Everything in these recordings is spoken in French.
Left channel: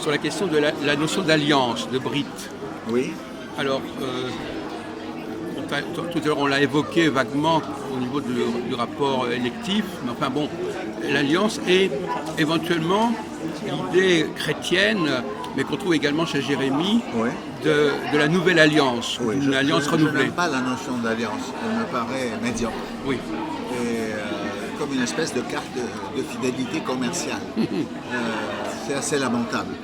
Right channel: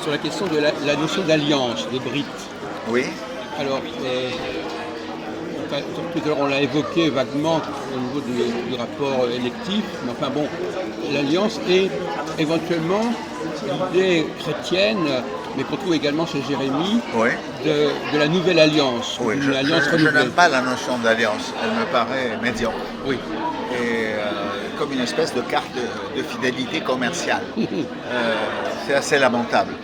Sur la question de la notion d'alliance, de Brit. Oui. Alors, tout à l'heure on l'a évoqué vaguement au niveau du rapport électif, mais enfin bon, l'alliance est éventuellement l'idée chrétienne, mais qu'on trouve également chez Jérémie, Oui. de la nouvelle alliance, Oui, d'une alliance renouvelée. je n'aime pas la notion d'alliance, elle me paraît médiocre. Oui. Et comme une espèce de carte de fidélité commerciale. C'est assez lamentable.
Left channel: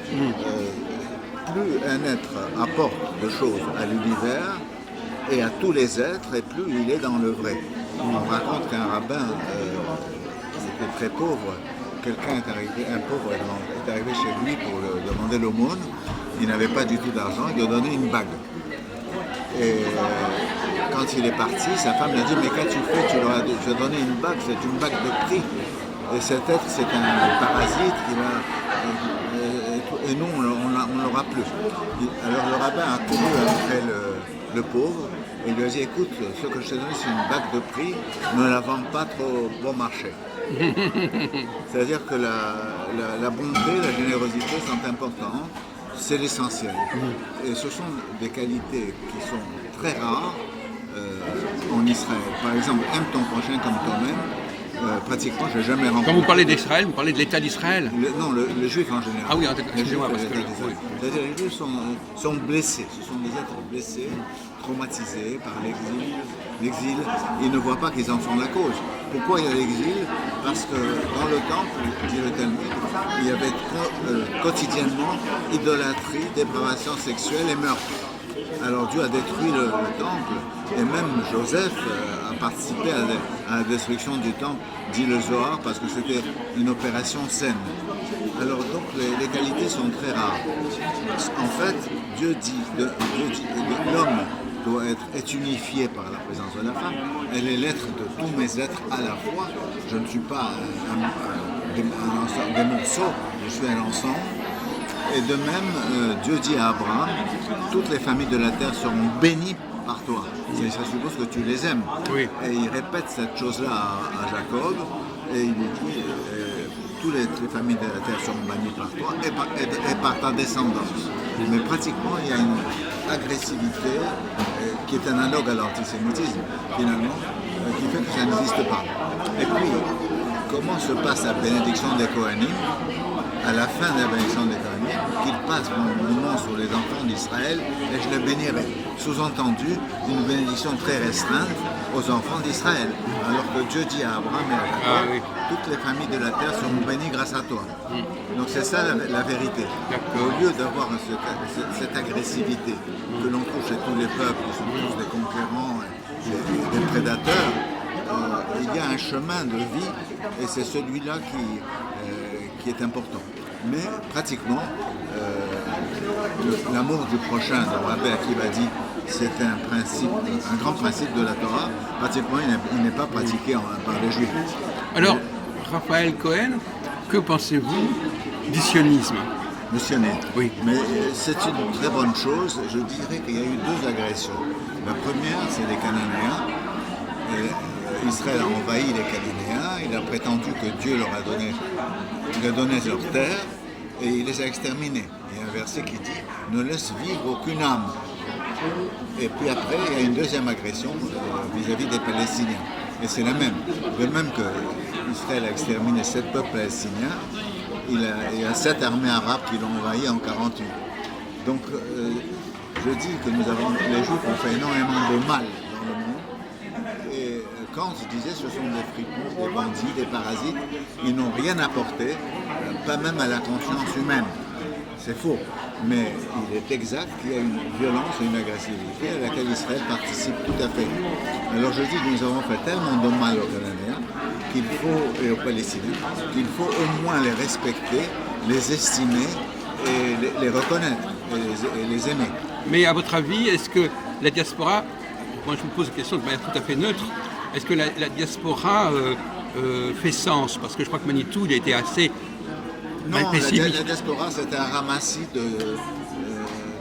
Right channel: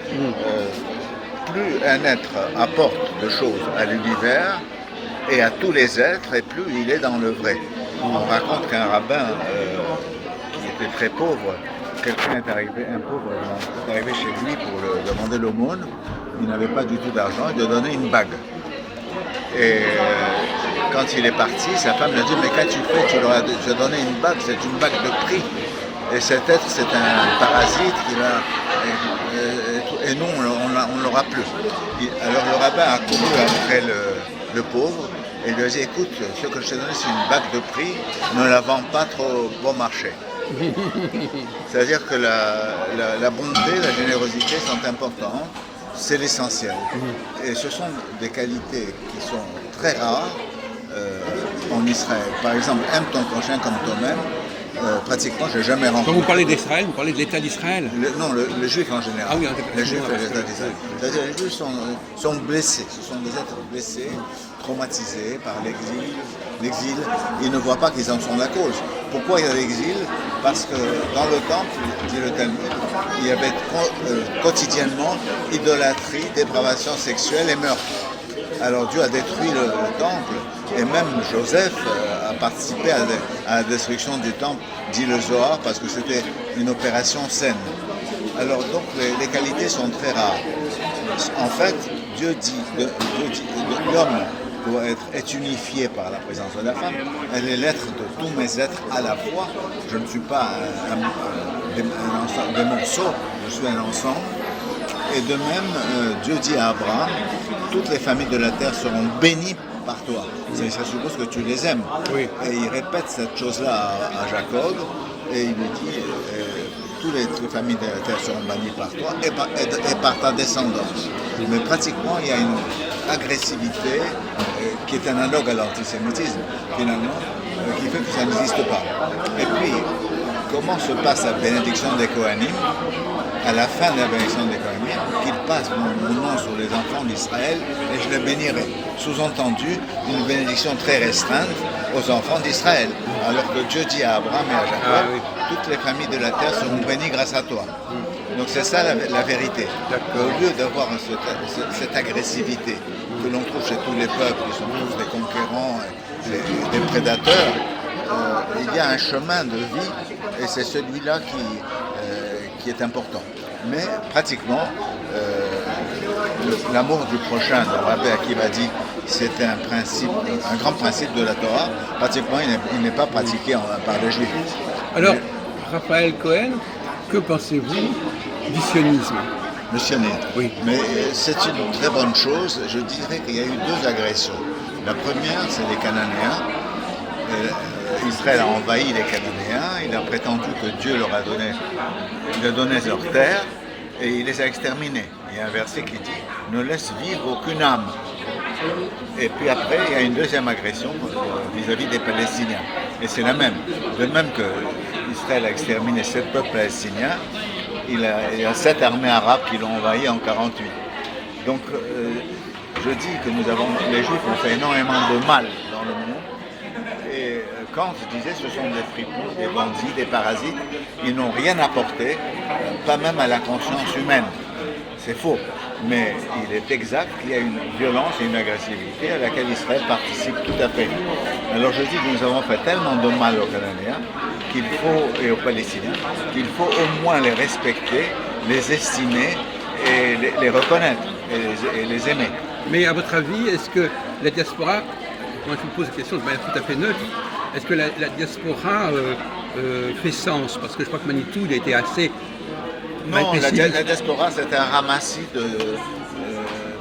Plus un être apporte de choses à l'univers et à tous les êtres, et plus il est dans le vrai. On raconte qu'un rabbin qui était très pauvre, quelqu'un est arrivé, un pauvre est arrivé chez lui pour lui demander l'aumône. Il n'avait pas du tout d'argent, il lui a donné une bague. Et quand il est parti, sa femme lui a dit « Mais qu'as-tu fait? Tu leur as donné une bague, c'est une bague de prix. Et cet être, c'est un parasite et nous, on ne l'aura plus. » Alors le rabbin a couru après le pauvre et lui a dit « Écoute, ce que je t'ai donné, c'est une bague de prix, ne la vends pas trop bon marché. » C'est-à-dire que la bonté, la générosité sont importantes. C'est l'essentiel. Et ce sont des qualités qui sont très rares en Israël. Par exemple, aime ton prochain comme toi-même. Pratiquement, je n'ai jamais rencontré. Quand vous parlez d'Israël, vous parlez de l'État d'Israël? Non, le juif en général. Ah oui, les juifs et l'État d'Israël. C'est-à-dire les juifs sont blessés. Ce sont des êtres blessés, traumatisés par l'exil. L'exil, ils ne voient pas qu'ils en sont la cause. Pourquoi il y a l'exil? Parce que dans le temple, dit le Talmud, il y avait quotidiennement idolâtrie, dépravation sexuelle et meurtre. Alors Dieu a détruit le temple et même Joseph a participé à la destruction du temple, dit le Zohar, parce que c'était une opération saine. Alors donc les qualités sont très rares. En fait, Dieu dit l'homme est unifié par la présence de la femme. Elle est l'être de tous mes êtres à la fois. Je ne suis pas des morceaux, je suis un ensemble. Et de même, Dieu dit à Abraham, toutes les familles de la terre seront bénies par toi. Ça suppose que tu les aimes. Oui. Et il répète cette chose-là à Jacob, et il lui dit, toutes les familles de la terre seront bannies par toi et par ta descendance. Mais pratiquement, il y a une agressivité qui est analogue à l'antisémitisme, finalement, qui fait que ça n'existe pas. Et puis, comment se passe la bénédiction des Kohanim? À la fin de la bénédiction des Kohanim, qu'il passe mon nom sur les enfants d'Israël et je les bénirai. Sous-entendu, une bénédiction très restreinte aux enfants d'Israël. Alors que Dieu dit à Abraham et à Jacob, toutes les familles de la terre seront bénies grâce à toi. Donc c'est ça la vérité. Au lieu d'avoir cette agressivité que l'on trouve chez tous les peuples, ils sont tous des conquérants, des prédateurs, il y a un chemin de vie et c'est celui-là qui est important. Mais pratiquement, l'amour du prochain, le Rabbi Akiva dit, c'est un grand principe de la Torah. Pratiquement, il n'est pas pratiqué par les Juifs. Alors, Raphaël Cohen, que pensez-vous du sionisme? Le sionisme. Oui. Mais c'est une très bonne chose. Je dirais qu'il y a eu deux agressions. La première, c'est les Cananéens. Israël a envahi les Cananéens, il a prétendu que Dieu leur a donné leur terre et il les a exterminés. Il y a un verset qui dit « Ne laisse vivre aucune âme ». Et puis après, il y a une deuxième agression vis-à-vis des Palestiniens. Et c'est la même. De même que Israël a exterminé 7 peuples palestiniens, il y a 7 armées arabes qui l'ont envahi en 48. Donc je dis que les Juifs ont fait énormément de mal dans le monde. Et Kant disait ce sont des fripons, des bandits, des parasites, ils n'ont rien apporté, pas même à la conscience humaine. C'est faux, mais il est exact qu'il y a une violence et une agressivité à laquelle Israël participe tout à fait. Alors je dis que nous avons fait tellement de mal aux Cananéens et aux Palestiniens qu'il faut au moins les respecter, les estimer et les reconnaître et les aimer. Mais à votre avis, est-ce que la diaspora, moi je vous pose une question de manière tout à fait neutre, est-ce que la diaspora fait sens? Parce que je crois que Manitou, il a été assez... Non, la diaspora, c'est un ramassis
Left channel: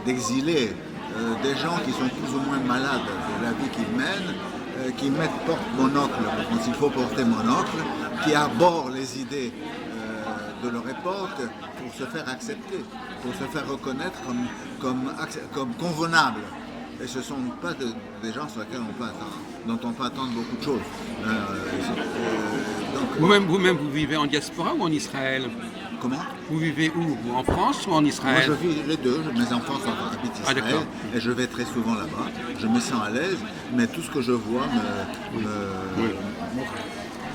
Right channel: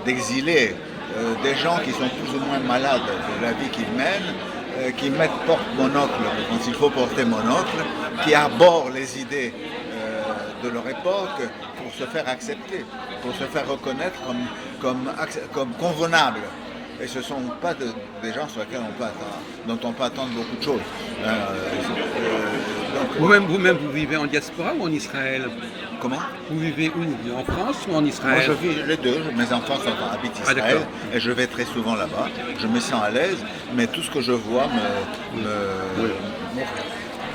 d'exilés, des gens qui sont plus ou moins malades de la vie qu'ils mènent, qui portent monocle quand il faut porter monocle, qui arborent les idées de leur époque pour se faire accepter, pour se faire reconnaître comme convenable. Et ce ne sont pas des gens sur lesquels dont on peut attendre beaucoup de choses. Vous-même, vous vivez en diaspora ou en Israël? Comment? Vous vivez où? En France ou en Israël? Moi je vis les deux, mes enfants habitent Israël et je vais très souvent là-bas, je me sens à l'aise, mais tout ce que je vois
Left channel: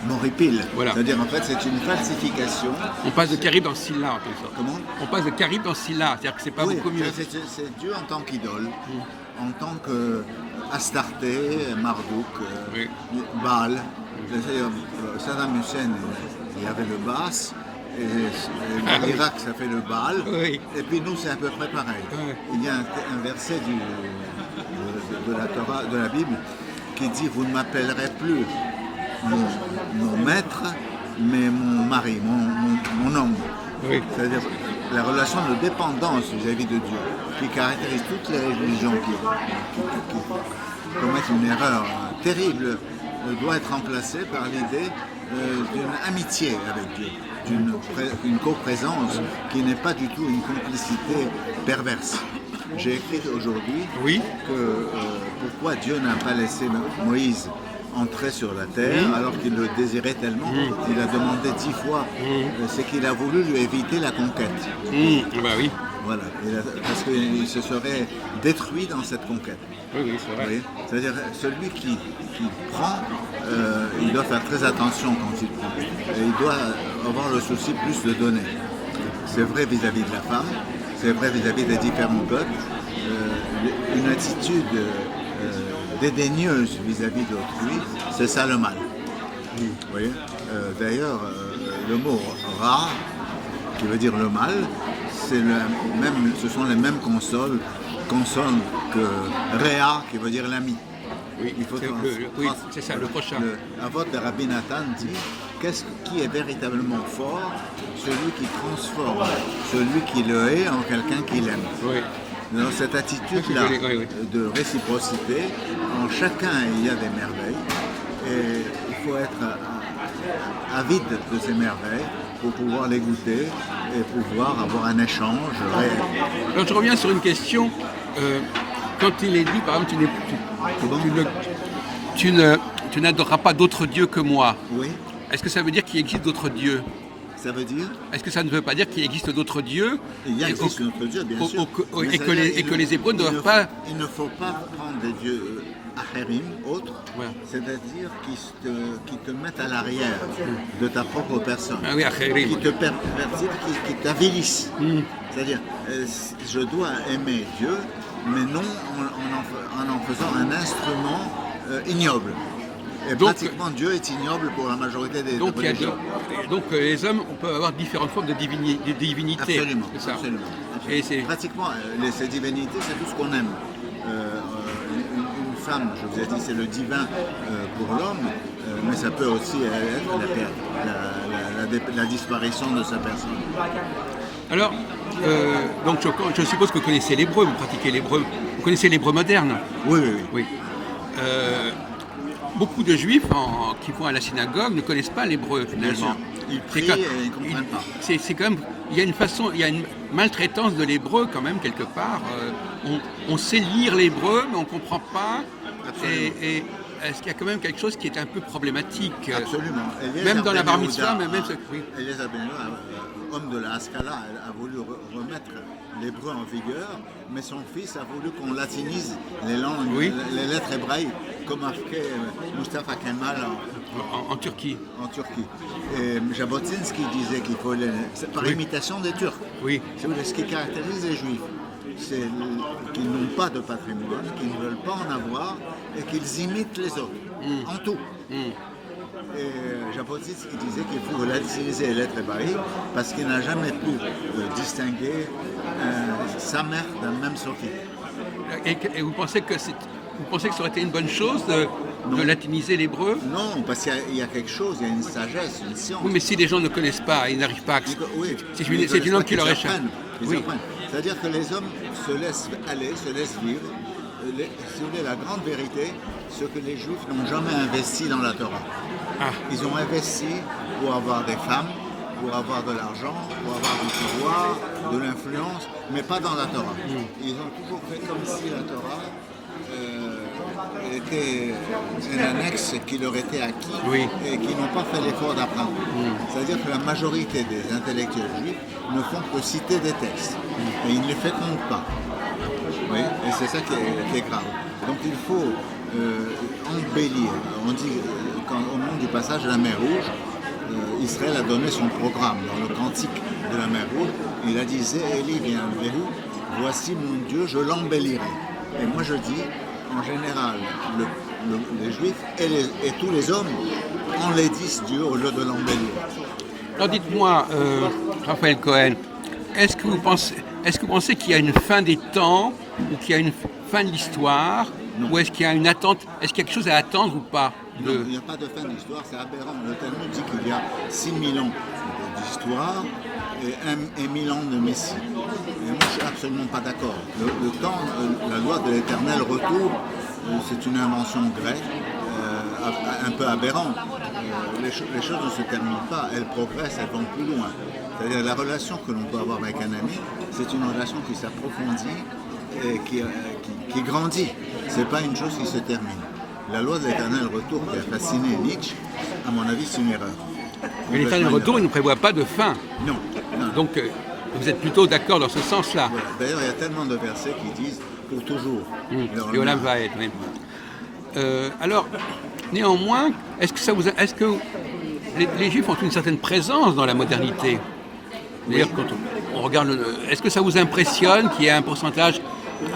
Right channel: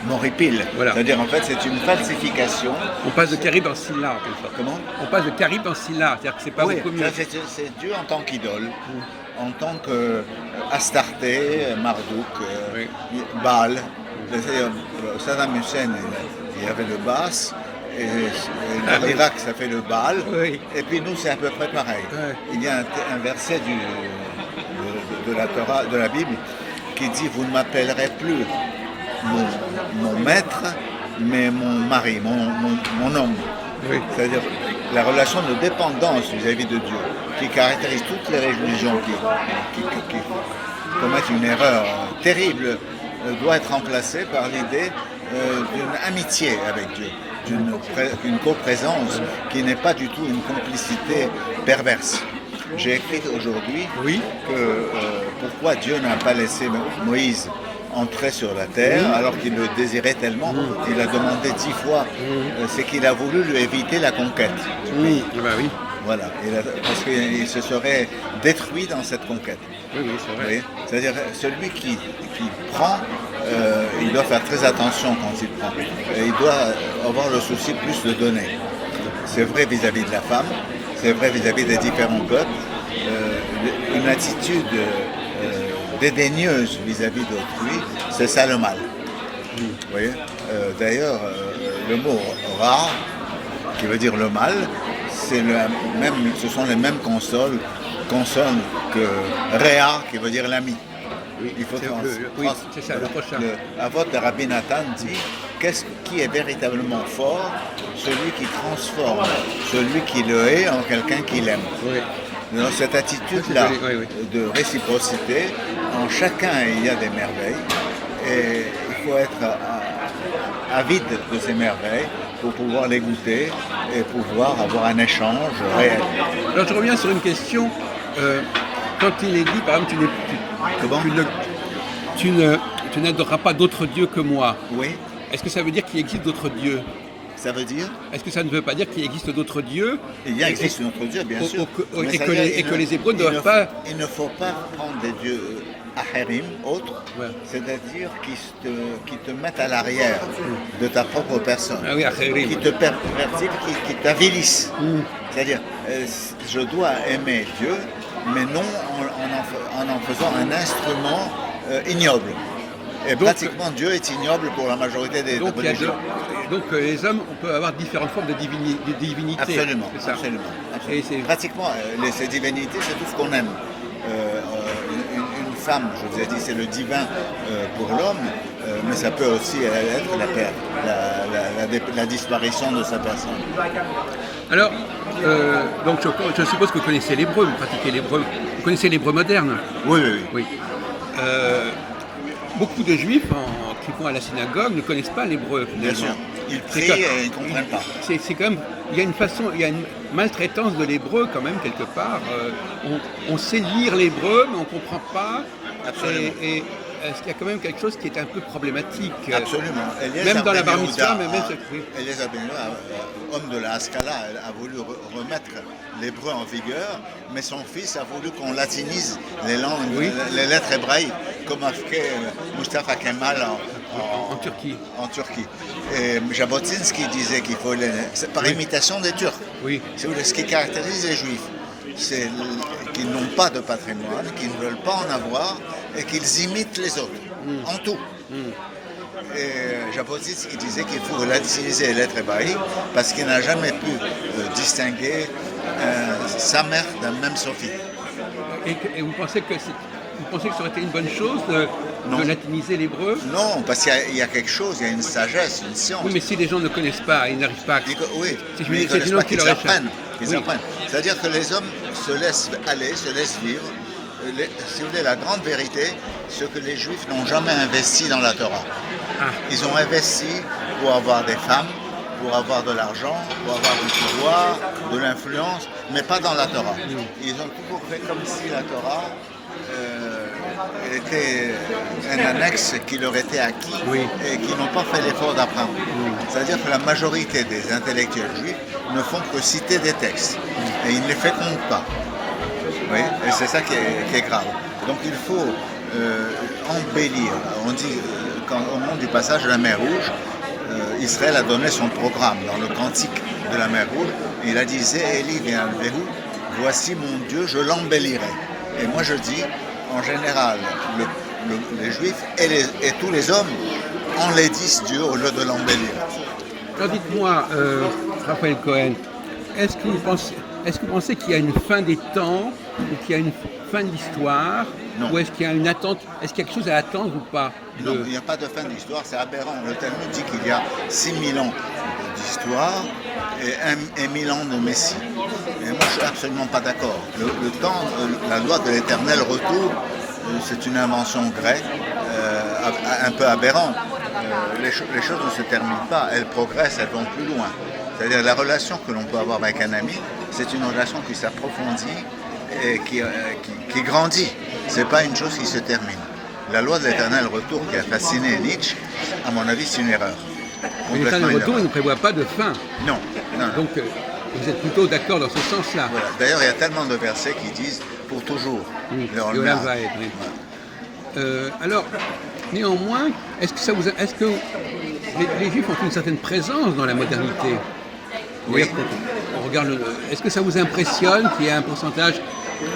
m'horripile. Voilà. C'est-à-dire en fait c'est une falsification. On passe de Carib en Scylla, en quelque sorte. Comment? On passe de Carib en Scylla, c'est-à-dire que c'est pas beaucoup mieux. C'est Dieu en tant qu'idole, en tant que Astarté, Marduk, Baal. Saddam Hussein, il y avait le Baas, et l'Irak ça fait le Baal, et puis nous c'est à peu près pareil. Il y a un verset de la Bible qui dit « Vous ne m'appellerez plus mon maître, mais mon mari, mon homme ». C'est-à-dire la relation de dépendance vis-à-vis de Dieu qui caractérise toutes les religions qui commettent une erreur terrible doit être remplacée par l'idée d'une amitié avec Dieu, d'une coprésence qui n'est pas du tout une complicité perverse. J'ai écrit aujourd'hui que pourquoi Dieu n'a pas laissé Moïse entrer sur la terre alors qu'il le désirait tellement. Il a demandé 10 fois, c'est qu'il a voulu lui éviter la conquête. Bah oui. Voilà, parce qu'il se serait détruit dans cette conquête. Oui, c'est vrai. C'est-à-dire celui qui prend, il doit faire très attention quand il prend. Et il doit avoir le souci plus de donner. C'est vrai vis-à-vis de la femme, c'est vrai vis-à-vis des différents peuples. Une attitude dédaigneuse vis-à-vis d'autrui, c'est ça le mal. Vous voyez d'ailleurs, le mot ra, qui veut dire le mal, ce sont les mêmes consonnes que Réa, qui veut dire l'ami. Il faut c'est ça, le prochain. La vote de Rabbi Nathan dit qui est véritablement fort? Celui qui transforme celui qui le hait en quelqu'un qui l'aime. Dans cette attitude-là de réciprocité, en chacun il y a des merveilles et il faut être avide de ces merveilles pour pouvoir les goûter et pouvoir avoir un échange réel. Alors je reviens sur une question. Quand il est dit, par exemple, tu n'adoreras pas d'autres dieux que moi. Oui. Est-ce que ça veut dire qu'il existe d'autres dieux? Ça veut dire? Est-ce que ça ne veut pas dire qu'il existe d'autres dieux? Il existe d'autres dieux, bien sûr. Et que les Hébreux ne doivent pas... Il ne faut pas prendre des dieux ahérim, autres, c'est-à-dire qui te mettent à l'arrière de ta propre personne, qui te pervertissent, qui t'avilissent. C'est-à-dire, je dois aimer Dieu, mais non en faisant un instrument ignoble. Et donc, pratiquement Dieu est ignoble pour la majorité des religions. Donc les hommes, on peut avoir différentes formes de divinité. Absolument, c'est ça. Absolument. Et pratiquement, ces divinités, c'est tout ce qu'on aime. Une femme, je vous ai dit, c'est le divin pour l'homme, mais ça peut aussi être la perte, la disparition de sa personne. Alors, donc je suppose que vous connaissez l'hébreu, vous pratiquez l'hébreu. Vous connaissez l'hébreu moderne? Oui. Beaucoup de juifs qui vont à la synagogue ne connaissent pas l'hébreu finalement. Bien sûr. Ils prient et ils ne comprennent pas. C'est quand même, il y a une maltraitance de l'hébreu quand même quelque part. On sait lire l'hébreu mais on ne comprend pas. Absolument. Et est-ce qu'il y a quand même quelque chose qui est un peu problématique? Absolument. Même dans la bar mitzvah, Eliezer Ben Yehuda, homme de la Haskalah, a voulu remettre l'hébreu en vigueur, mais son fils a voulu qu'on latinise les langues, les lettres hébraïques, comme a fait Mustafa Kemal en Turquie. Et Jabotinsky disait qu'il faut c'est par imitation des Turcs. Ce qui caractérise les Juifs, c'est qu'ils n'ont pas de patrimoine, qu'ils ne veulent pas en avoir et qu'ils imitent les autres, en tout. Et Jabotinsky disait qu'il faut latiniser les lettres hébraïques parce qu'il n'a jamais pu distinguer sa mère d'un même sophite. Et vous pensez que ça aurait été une bonne chose de latiniser l'hébreu? Non, parce qu'il y a quelque chose, il y a une sagesse, une science. Oui, mais si les gens ne connaissent pas, ils n'arrivent pas à... C'est une langue qui leur échappe. C'est-à-dire que les hommes se laissent aller, se laissent vivre. Si vous voulez, la grande vérité, ce que les Juifs n'ont jamais investi dans la Torah. Ils ont investi pour avoir des femmes, pour avoir de l'argent, pour avoir du pouvoir, de l'influence, mais pas dans la Torah. Ils ont toujours fait comme si la Torah était un annexe qui leur était acquis et qui n'ont pas fait l'effort d'apprendre. C'est-à-dire que la majorité des intellectuels juifs ne font que citer des textes et ils ne les fécondent pas. Oui, et c'est ça qui est grave. Donc il faut embellir. On dit au moment du passage de la mer Rouge, Israël a donné son programme dans le cantique de la mer Rouge. Il a dit Zé'eli ve'alvehu, voici mon Dieu, je l'embellirai. Et moi je dis, en général, les Juifs et tous les hommes enlaidissent Dieu au lieu de l'embellir. Alors dites-moi, Raphaël Cohen, est-ce que vous pensez qu'il y a une fin des temps ou qu'il y a une fin de l'histoire? Non. Ou est-ce qu'il y a une attente? Est-ce qu'il y a quelque chose à attendre ou pas? Non, il n'y a pas de fin de l'histoire, c'est aberrant. Le Talmud dit qu'il y a 6000 ans d'histoire et 1000 ans de Messie. Et moi, je ne suis absolument pas d'accord. Le temps, la loi de l'éternel retour, c'est une invention grecque, un peu aberrante. Les choses ne se terminent pas, elles progressent, elles vont plus loin. C'est-à-dire la relation que l'on peut avoir avec un ami, c'est une relation qui s'approfondit et qui grandit. Ce n'est pas une chose qui se termine. La loi de l'éternel retour qui a fasciné Nietzsche, à mon avis, c'est une erreur. L'éternel retour ne prévoit pas de fin. Non. Donc vous êtes plutôt d'accord dans ce sens-là. Voilà. D'ailleurs, il y a tellement de versets qui disent pour toujours. L'Olam va être. Alors, néanmoins, est-ce que les Juifs ont une certaine présence dans la modernité? Oui. Quand on regarde, est-ce que ça vous impressionne qu'il y ait un pourcentage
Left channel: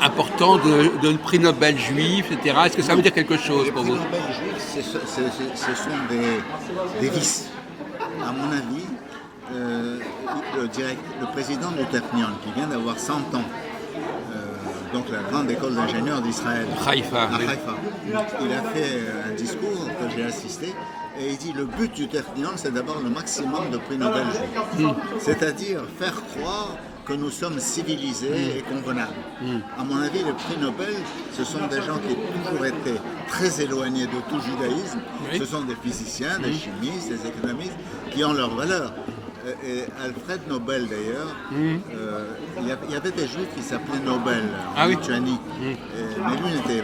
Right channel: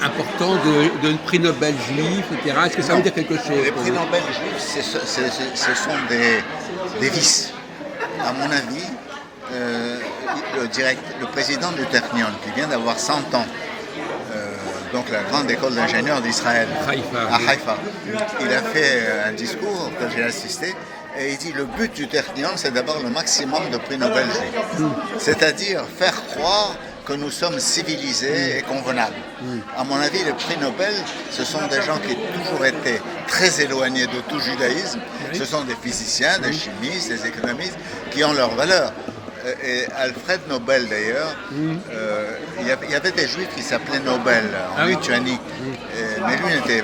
important de prix Nobel juifs, etc. Est-ce que ça veut dire quelque chose? Les prix Nobel juifs, ce sont des vices. À mon avis, le président du Technion, qui vient d'avoir 100 ans, donc la grande école d'ingénieurs d'Israël, à Haïfa, il a fait un discours que j'ai assisté, et il dit le but du Technion, c'est d'avoir le maximum de prix Nobel juifs. C'est-à-dire faire croire que nous sommes civilisés et convenables. À mon avis, les prix Nobel, ce sont des gens qui ont toujours été très éloignés de tout judaïsme. Ce sont des physiciens, des chimistes, des économistes qui ont leur valeur. Et Alfred Nobel, d'ailleurs, il y avait des juifs qui s'appelaient Nobel en Lituanie, mais lui n'était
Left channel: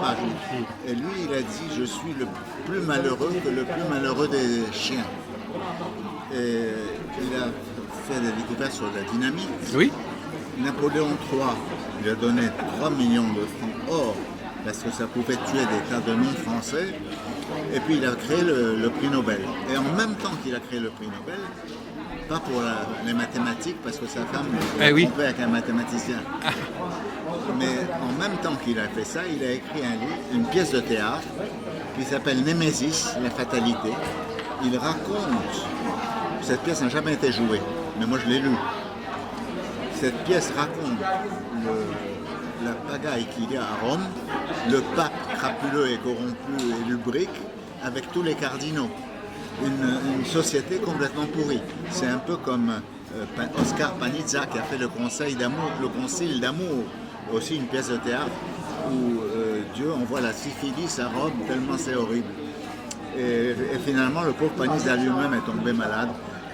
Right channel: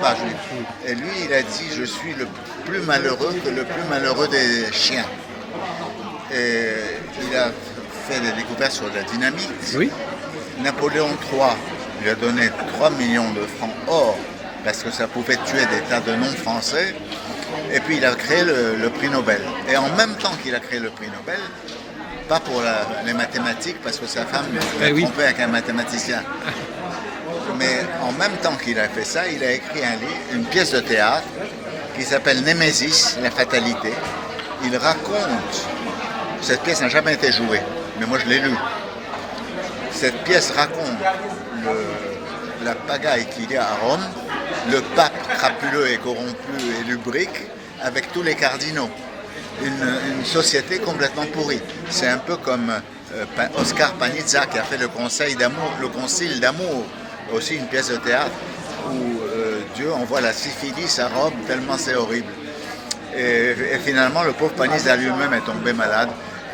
pas juif. Et lui, il a dit « Je suis le plus malheureux que le plus malheureux des chiens ». Et il a fait des découvertes sur la dynamite. Oui. Napoléon III lui a donné 3 millions de francs or parce que ça pouvait tuer des tas de non-français. Et puis il a créé le prix Nobel. Et en même temps qu'il a créé le prix Nobel, pas pour les mathématiques parce que sa femme l'a trompé avec un mathématicien. Mais en même temps qu'il a fait ça, il a écrit une pièce de théâtre qui s'appelle Némésis, la fatalité. Il raconte, cette pièce n'a jamais été jouée, mais moi je l'ai lue. Cette pièce raconte la pagaille qu'il y a à Rome, le pape crapuleux et corrompu et lubrique avec tous les cardinaux. Une société complètement pourrie. C'est un peu comme Oscar Panizza qui a fait le concile d'amour, aussi une pièce de théâtre où Dieu envoie la syphilis à Rome tellement c'est horrible. Et finalement, le pauvre Panizza lui-même est tombé malade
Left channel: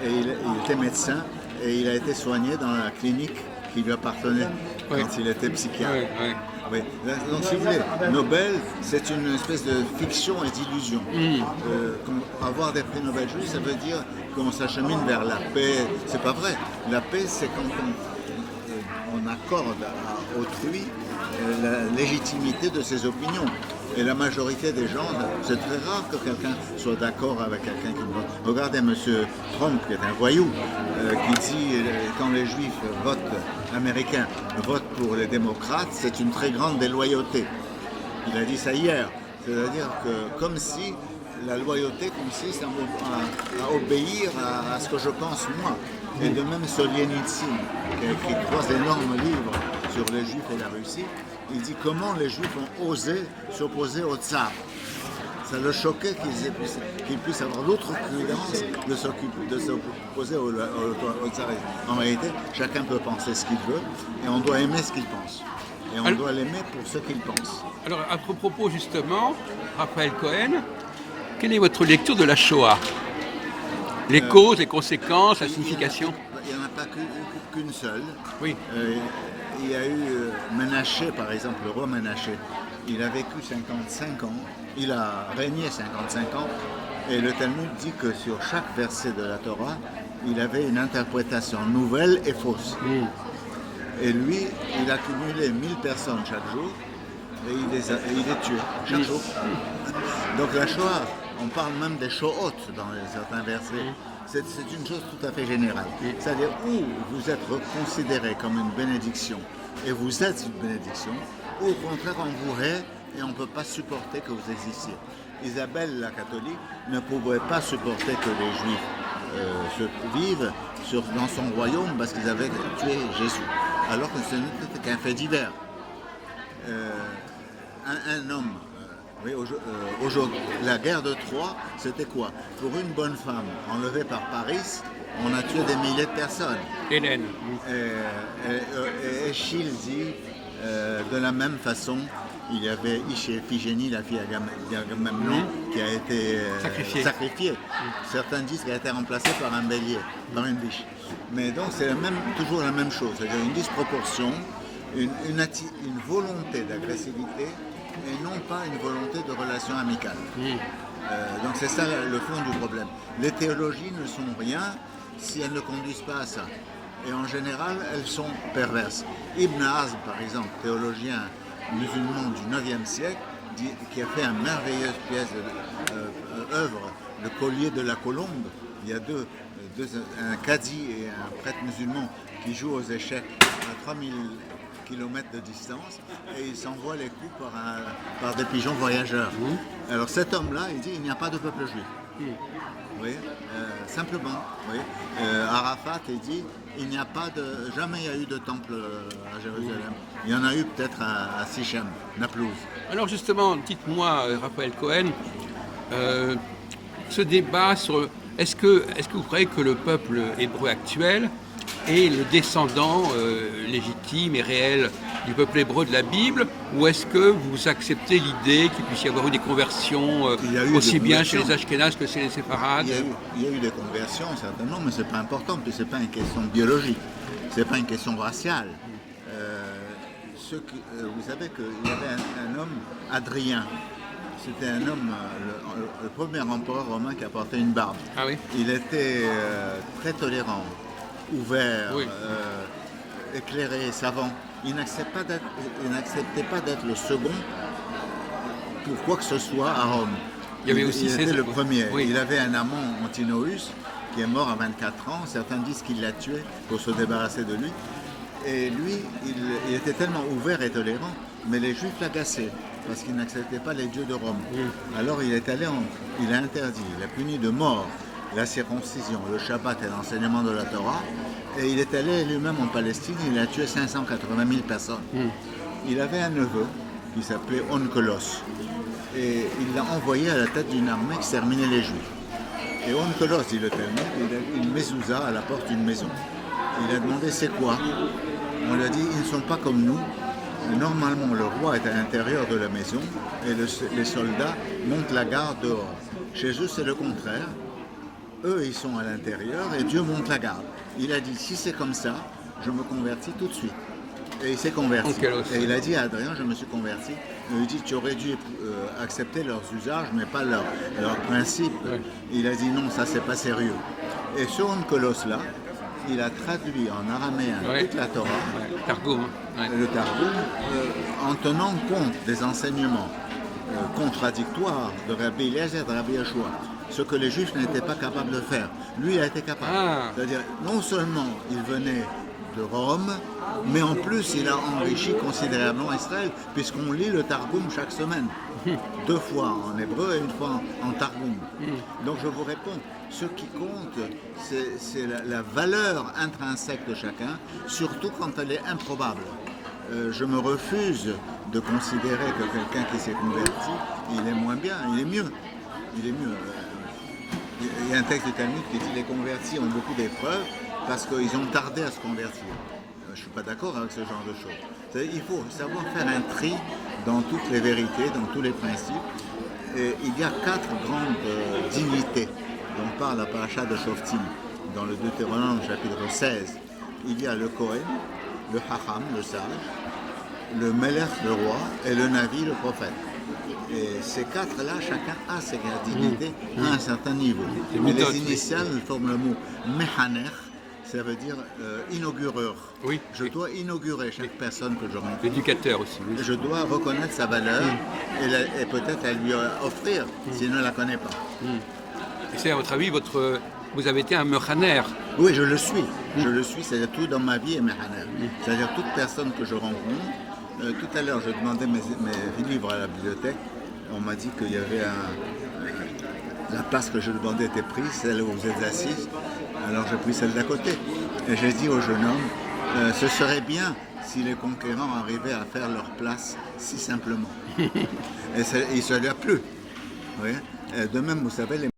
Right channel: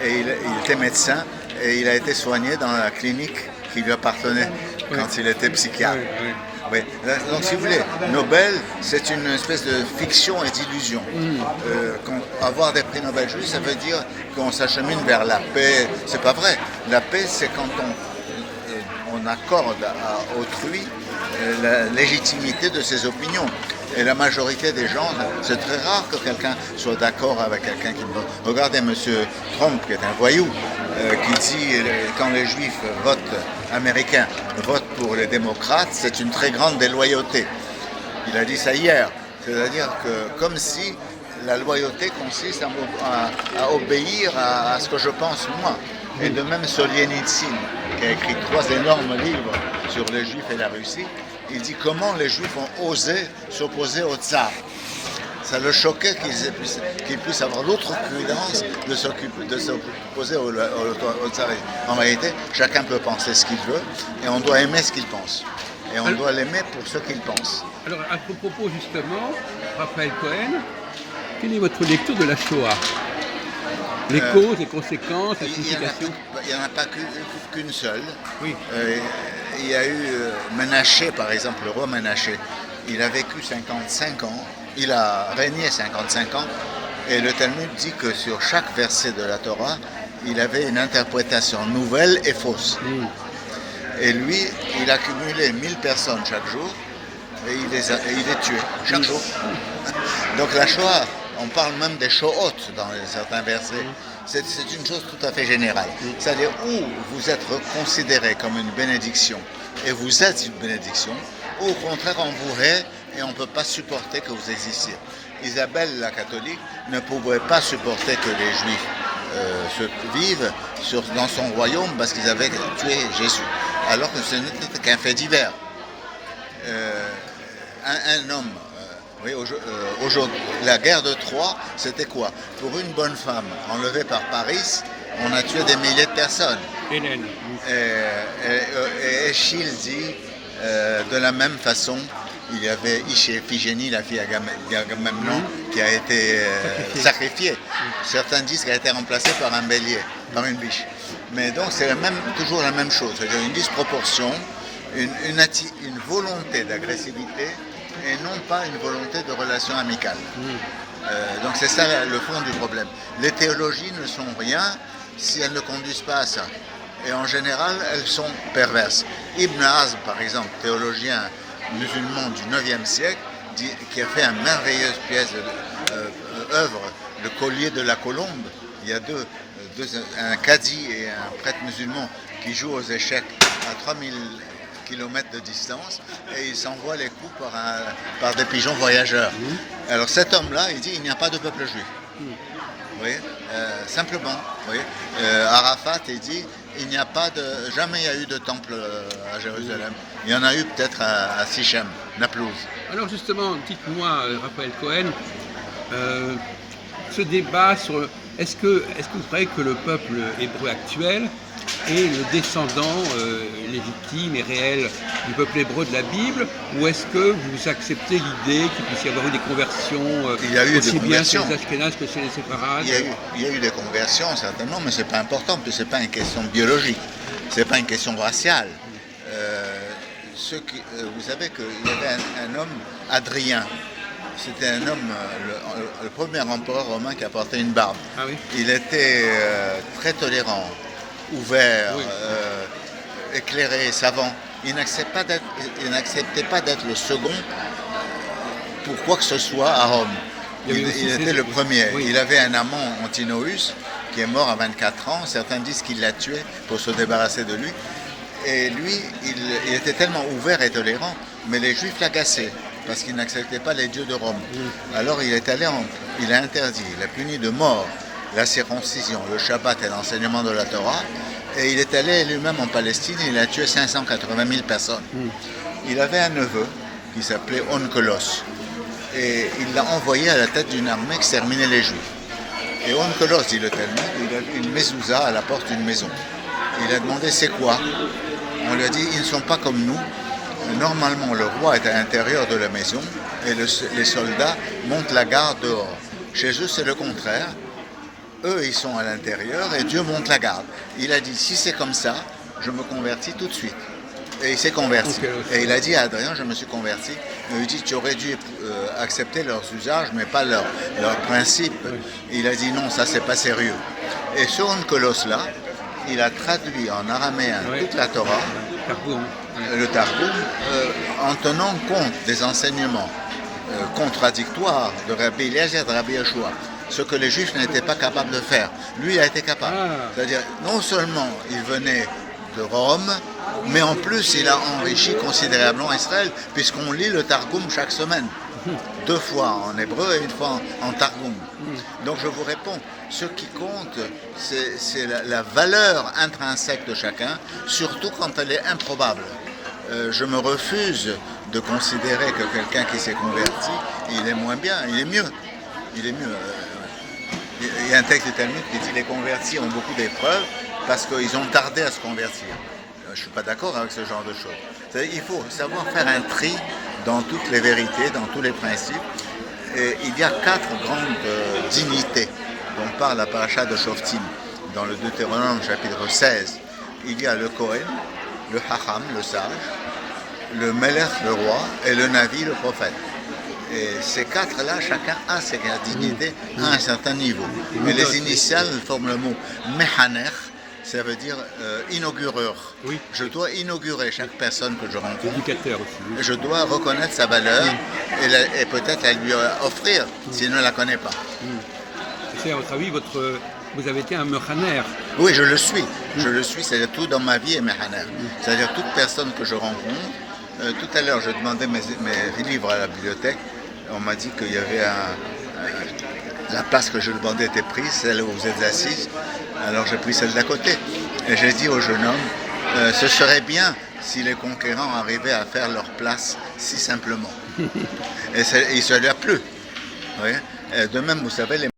et il était médecin et il a été soigné dans la clinique qui lui appartenait quand il était psychiatre. Oui. Donc, si vous voulez, Nobel, c'est une espèce de fiction et d'illusion. Avoir des prix Nobel juste, ça veut dire qu'on s'achemine vers la paix. C'est pas vrai. La paix, c'est quand on accorde à autrui la légitimité de ses opinions. Et la majorité des gens, c'est très rare que quelqu'un soit d'accord avec quelqu'un qui vote. Regardez M. Trump, qui est un voyou, qui dit quand les juifs américains votent pour les démocrates, c'est une très grande déloyauté. Il a dit ça hier. C'est-à-dire que comme si la loyauté consiste à obéir à ce que je pense moi. Et de même Solzhenitsyn, qui a écrit 3 énormes livres sur les Juifs et la Russie, il dit comment les Juifs ont osé s'opposer au tsar. Ça le choquait qu'ils puissent avoir l'outrecuidance de s'opposer au tsar. En réalité, chacun peut penser ce qu'il veut et on doit aimer ce qu'il pense. Et on doit l'aimer pour ce qu'il pense. Alors, à ce propos, justement, Raphaël Cohen, quelle est votre lecture de la Shoah? Les causes, les conséquences, la signification. Il n'y en a pas qu'une seule. Oui. Il y a eu Ménaché, par exemple, le roi Ménaché. Il a vécu 55 ans, il a régné 55 ans, et le Talmud dit que sur chaque verset de la Torah, il avait une interprétation nouvelle et fausse. Et lui, il a cumulé 1000 personnes chaque jour, et il les tuait chaque jour. Donc la Shoah, on parle même des Shohot dans certains versets. C'est une chose tout à fait générale. C'est-à-dire où vous êtes considéré comme une bénédiction, et vous êtes une bénédiction, ou au contraire on vous hait et on ne peut pas supporter que vous existiez. Isabelle la catholique ne pouvait pas supporter que les Juifs vivent dans son royaume parce qu'ils avaient tué Jésus, alors que ce n'était qu'un fait divers. Un homme, aujourd'hui, la guerre de Troie, c'était quoi? Pour une bonne femme enlevée par Paris, on a tué des milliers de personnes. Hélène. Et Échille dit, de la même façon, il y avait Iphigénie, la fille d'Agamemnon, qui a été sacrifiée. Certains disent qu'elle a été remplacée par un bélier, par une biche. Mais donc c'est toujours la même chose, c'est-à-dire une disproportion, une volonté d'agressivité et non pas une volonté de relation amicale. Donc c'est ça le fond du problème. Les théologies ne sont rien si elles ne conduisent pas à ça. Et en général, elles sont perverses. Ibn Hazm, par exemple, théologien musulman du 9e siècle, qui a fait une merveilleuse pièce œuvre, le collier de la colombe. Il y a un cadi et un prêtre musulman qui jouent aux échecs à 3000 km de distance et ils s'envoient les coups par des pigeons voyageurs. Alors cet homme-là, il dit il n'y a pas de peuple juif. Oui, simplement. Oui. Arafat, il dit il n'y a pas jamais il y a eu de temple à Jérusalem. Il y en a eu peut-être à Sichem, Naplouse. Alors justement, dites-moi, Raphaël Cohen, ce débat sur est-ce que vous croyez que le peuple hébreu actuel est le descendant légitime et réel du peuple hébreu de la Bible, ou est-ce que vous acceptez l'idée qu'il puisse y avoir eu des conversions aussi bien chez les Ashkénazes que chez les séfarades? Il y a eu des conversions certainement, mais c'est pas important, parce que c'est pas une question biologique, c'est pas une question raciale. Vous savez qu'il y avait un homme, Adrien. C'était un homme, le premier empereur romain qui a porté une barbe. Ah oui. Il était très tolérant, ouvert, oui. Éclairé, savant. Il n'acceptait pas d'être le second pour quoi que ce soit à Rome. Il était le premier. Oui. Il avait un amant, Antinous, qui est mort à 24 ans. Certains disent qu'il l'a tué pour se débarrasser de lui. Et lui, il était tellement ouvert et tolérant, mais les Juifs l'agaçaient parce qu'il n'acceptait pas les dieux de Rome. Alors il a interdit, il a puni de mort la circoncision, le Shabbat et l'enseignement de la Torah, et il est allé lui-même en Palestine, il a tué 580 000 personnes. Il avait un neveu qui s'appelait Onkelos, et il l'a envoyé à la tête d'une armée exterminer les Juifs. Et Onkelos, dit le Talmud, il a vu une mezouza à la porte d'une maison. Il a demandé c'est quoi? On lui a dit ils ne sont pas comme nous. Normalement, le roi est à l'intérieur de la maison et les soldats montent la garde dehors. Chez eux, c'est le contraire. Eux, ils sont à l'intérieur et Dieu monte la garde. Il a dit, si c'est comme ça, je me convertis tout de suite. Et il s'est converti. Et il a dit à Adrien, je me suis converti. Il lui dit, tu aurais dû accepter leurs usages, mais pas leurs principes. Il a dit, non, ça, c'est pas sérieux. Et ce Onkelos-là, il a traduit en araméen toute la Torah, le Targum, en tenant compte des enseignements contradictoires de Rabbi Eliezer et de Rabbi Yeshua, ce que les Juifs n'étaient pas capables de faire. Lui, il a été capable. C'est-à-dire, non seulement il venait de Rome, mais en plus, il a enrichi considérablement Israël, puisqu'on lit le Targum chaque semaine. 2 fois en hébreu et 1 fois en Targum. Donc je vous réponds, ce qui compte, c'est la valeur intrinsèque de chacun, surtout quand elle est improbable. Je me refuse de considérer que quelqu'un qui s'est converti, il est moins bien, il est mieux. Il est mieux. Il y a un texte du Talmud qui dit que les convertis ont beaucoup d'épreuves parce qu'ils ont tardé à se convertir. Je ne suis pas d'accord avec ce genre de choses. C'est-à-dire, il faut savoir faire un tri dans toutes les vérités, dans tous les principes. Et il y a 4 grandes dignités dont parle la paracha de Shoftim, dans le Deutéronome chapitre 16, il y a le Kohen, le Hacham, le sage, le Melech, le roi, et le Navi, le prophète. Et ces quatre-là, chacun a ses dignités à un certain niveau. Et les initiales forment le mot Mechaner, ça veut dire inaugureur. Oui. Je dois inaugurer chaque personne que je rencontre. Éducateur aussi. Oui. Je dois reconnaître sa valeur et peut-être la lui offrir s'il ne la connaît pas. Et c'est à votre avis, vous avez été un mechaner. Oui, je le suis. Je le suis, c'est-à-dire tout dans ma vie est Mechaner. C'est-à-dire toute personne que je rencontre. Tout à l'heure, je demandais mes livres à la bibliothèque. On m'a dit qu'il y avait la place que je demandais était prise, celle où vous êtes assise. Alors j'ai pris celle d'à côté. Et j'ai dit au jeune homme, ce serait bien si les conquérants arrivaient à faire leur place si simplement. Et il se lui a plu. Oui. De même, vous savez, les